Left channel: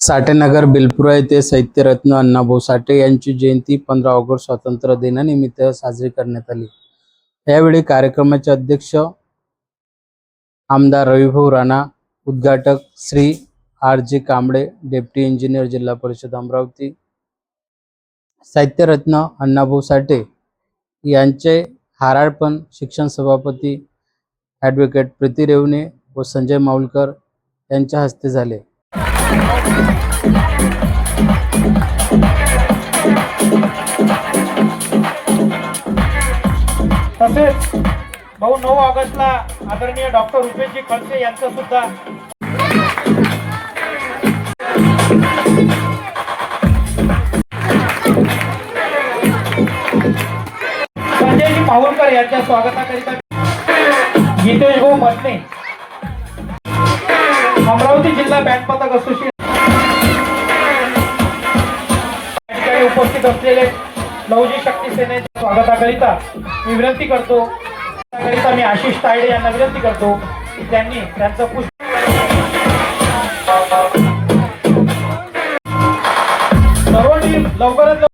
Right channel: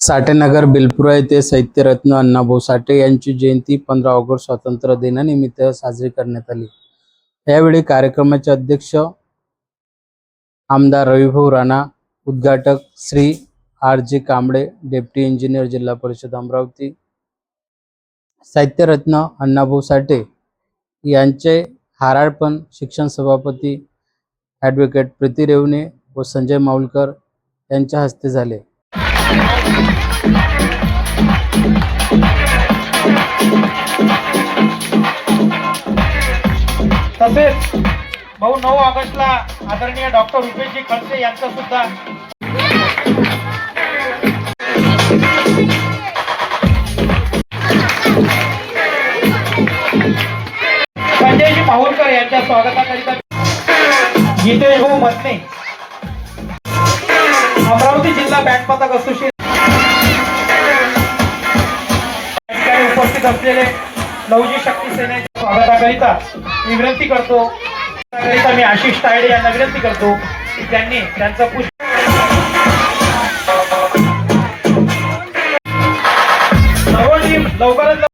साठेनगर बिलपुरा येथे साहित्यरत्न अण्णाभाऊ साठे यांची जयंती 15 ऑगस्ट स्वातंत्र्य दिनानिमित्त साजरी करण्यात आली। यावेळी कार्यक्रमाचे अध्यक्ष आमदार रविभाऊ राणा, उद्घाटक Shri R.G. Kamble, deputy engineer जिल्हा परिषद अमरावती, साहित्यरत्न अण्णाभाऊ साठे यांचे हाराळपण शिक्षण सभापती ॲडव्होकेट प्रीती रेवणे व संजय माऊलकर यांच्या हस्ते झाले। तसेच 9 ऑगस्टला आदरणीय डॉक्टर रुपेशजी खडसे यांचं सुद्धा संजयजी माहुरकर यांच्या स्वागताकरिता गीतेश भाऊ मसने, अमरावती जिल्हा बँड पथक असोसिएशन उपस्थित असलेले लवजी शक्ती सेनेच्या स्वागताकरिता मी विनंती करतो, मी आशिष तायडे यांना विनंती करतो की त्यांनी त्यांचं पुष्प लवकरात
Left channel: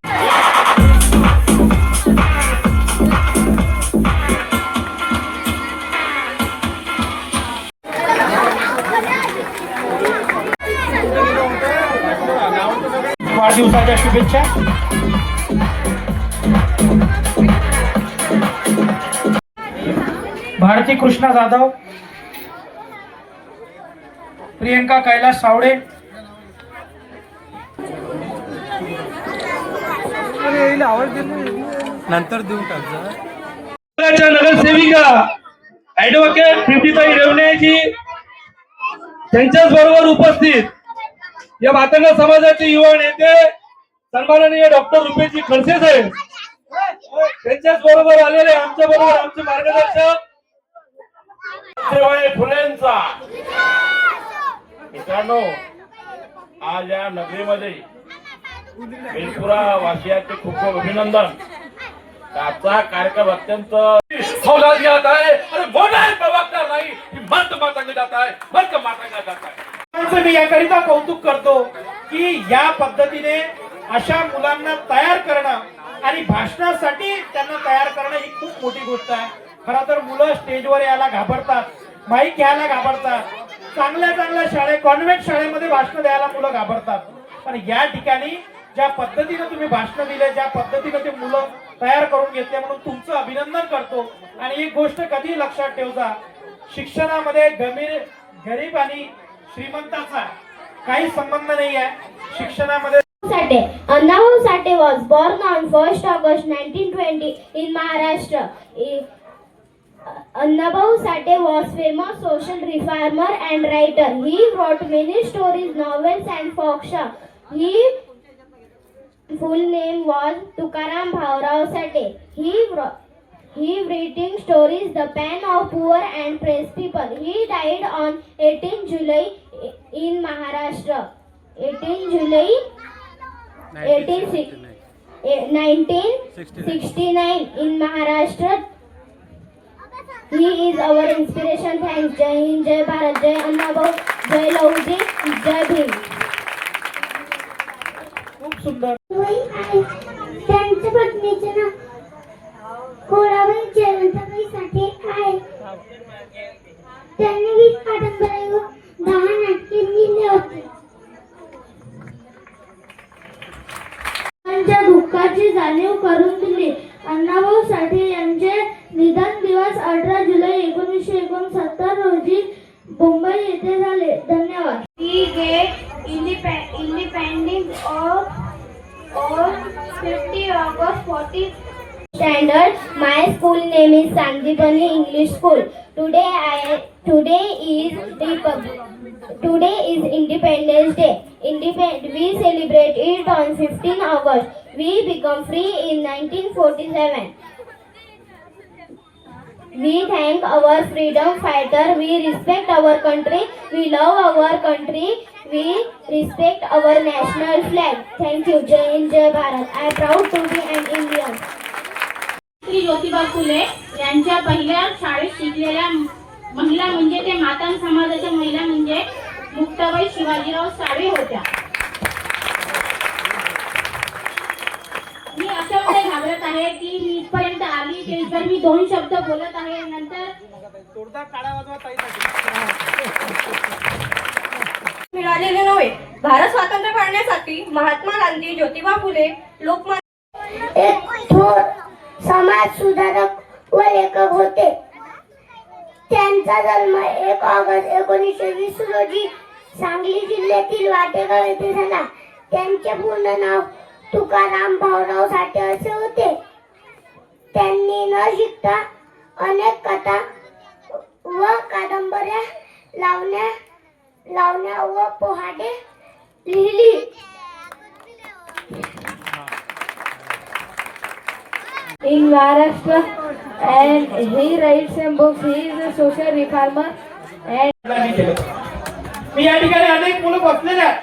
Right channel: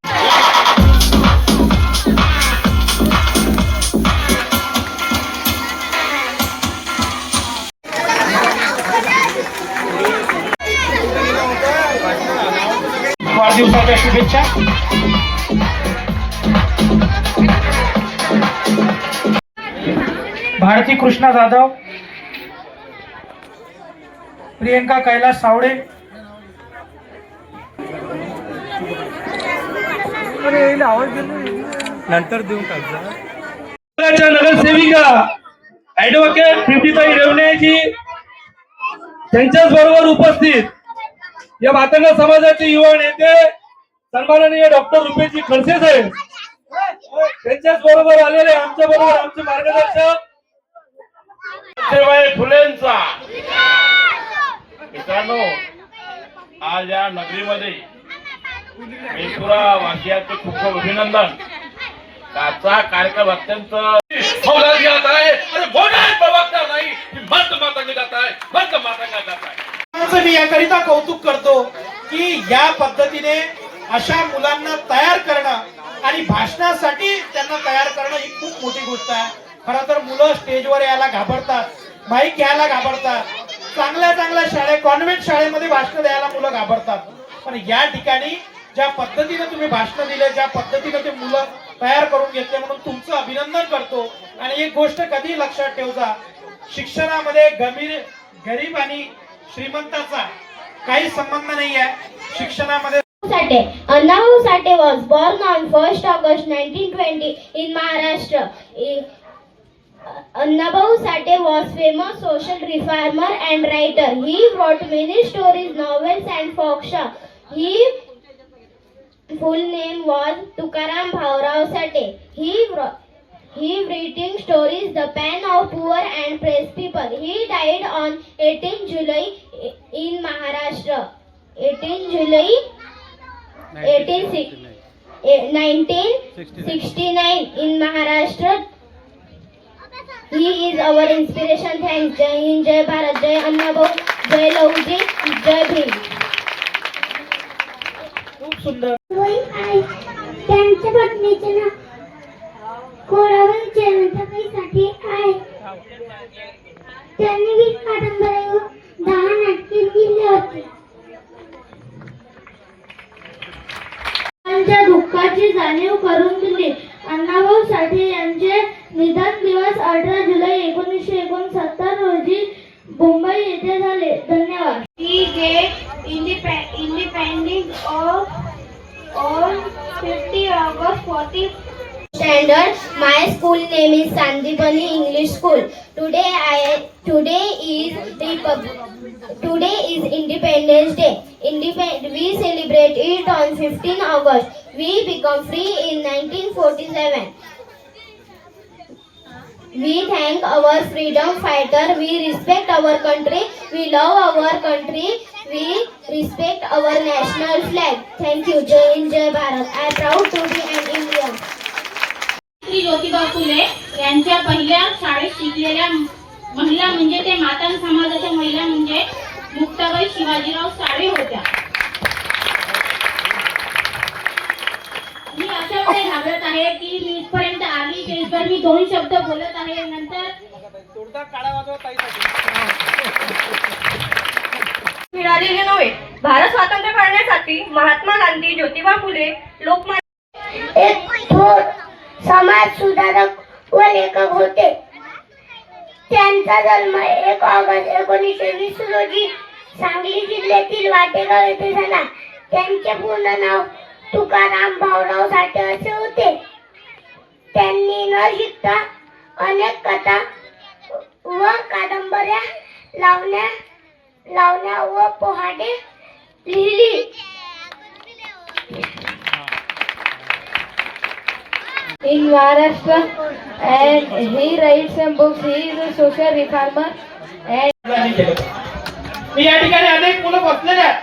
वाढदिवसाच्या शुभेच्छा। भारती कृष्णा जाधव, प्रियंका कैलास सावडे, नंतर देऊन टाक। नगरसेविका ॲडव्होकेट प्रीतीताई रेवणेजी त्यांच्याच बरोबर उपस्थित या मातंग समाजाचे युवा नेते सन्माननीय डॉक्टर रुपेशजी खडसे साहेब त्यांच्याच बरोबर आलेले आमच्या बरोबर आमचे मार्गदर्शक फुलेंचा। मित्रांनो, आज या नगरीमध्ये बिलपुरा वासियांचे खूप खूप अभिनंदन। आजचा कार्यक्रम अत्यंत हौलादियात आहे आणि मोठा प्रवक्ता नाही की मत मातंग जात आहे, मत मातंग जात आहे। मी याकरिता कौतुक करतो की या पद्धतीने अशा मुलांना तयार करणं आणि भाषणासाठी त्यांना तयार करणं ही खूप मोठी गोष्ट आहे। खरं तर मुलं स्टेजवर यायला घाबरतात, माईक घ्यायला घाबरतात, चांगल्या शाळेत कॉन्व्हेंट शाळेमध्ये भाषण द्यायला मुलं घाबरतात, पण या ठिकाणी ज्या पद्धतीने तुम्ही भाषण दिलं, ज्या पद्धतीने ते मुलं तयार करून घेतले, म्हणून तुमचं अभिनंदन करतो। आणि एक गोष्ट कधी लक्षात ठेवजा, शिक्षणामध्ये गरीब आणि श्रीमंताचा काही संबंध नाही आहे। शिक्षणामध्ये Annabahu Sate was born on 1st August 1920 in Maharashtra. Annabahu Sate was famous social reformer and writer. He wrote many stories, novels and folklore. His full name was Tukaram Bhaurao Sate. He writing stories, The Pen of Poor and Pressed People. He died on 18 July in Maharashtra. 18 July 1969 in Maharashtra. He is our inspiration. Thanks. Jai Hind, Jai Bharat, Jai Annabahu, Jai Lavji, Jai Bhim. खूप सुंदर। त्यांच्या पत्नीचे नाव कोळाबाई जयवंताबाई साठे आहे। त्यांनी 20 कादंबऱ्या व 10 नाटके लिहिली होती। त्यांच्या दुःखाची जाणीव करून दिली। अण्णाभाऊ साठे यांचे निधन दिवस 18 जुलै 1969 रोजी मुंबई येथे झाले। धन्यवाद। We get independence on 50 August 40 standard. My school name is Sanjeevani English School. Today is Independence Day. We celebrate it on 15 August. We become free in 1947. We thank our freedom fighter. We respect our country. We love our country. We respect our national flag. Thank you. Jai Hind, Jai Bharat. I am proud to be an Indian. Shri Jyotiba Phule यांच्या पहिल्या शाळेत शिकलेल्या महिला म्हणजे ते मातान समाजाच्या महिला म्हणजे मुक्ताबाई शिवाजीराव साळवे होत्या. मी अशा वेळी घाबरत आहे की मी इथपर्यंत आली स्टेजवर मी 2 शब्द बोलत आहे, नंतर मिळालेले नव्हे. भारत स्वातंत्र्य करण्यासाठी महात्मा गांधी, ज्योतिबा फुले, लोकमान्य एक थोर समाज सुधारक व लेखक होते. त्यांचा जन्म 1 ऑगस्ट 1920 रोजी सांगली जिल्ह्यातील वाटेगाव येथे झाला. त्यांचे पूर्ण नाव तुकाराम भाऊराव साठे असे होते. त्यांनी न शिकता अनेक कथा व कादंबऱ्या, लावण्या व पोहाडे लिहिली. In Maharashtra, and he writes some books. He is a social reformer. मी या ठिकाणी अनेक मुलं बसलेले आहेत.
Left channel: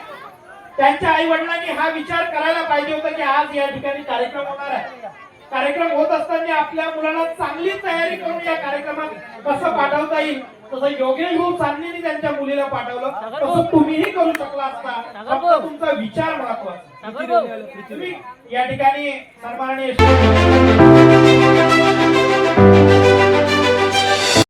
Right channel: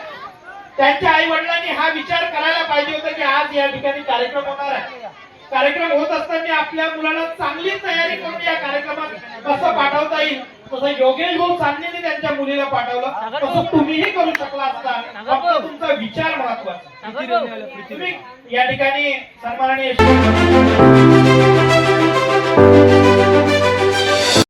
त्यांच्या आई वडिलांनी हा विचार करायला पाहिजे होता की आज या ठिकाणी कार्यक्रम होणार आहे. कार्यक्रम होत असताना आपल्या मुलाला चांगली तयारी करून या कार्यक्रमात कसं पाठवता येईल, तसं योगेश भाऊ चांदणीने त्यांच्या मुलीला पाठवलं, तसं तुम्हीही करू शकला असता. फक्त तुमचा विचार महत्वाचा. तुम्ही या ठिकाणी सन्माननीय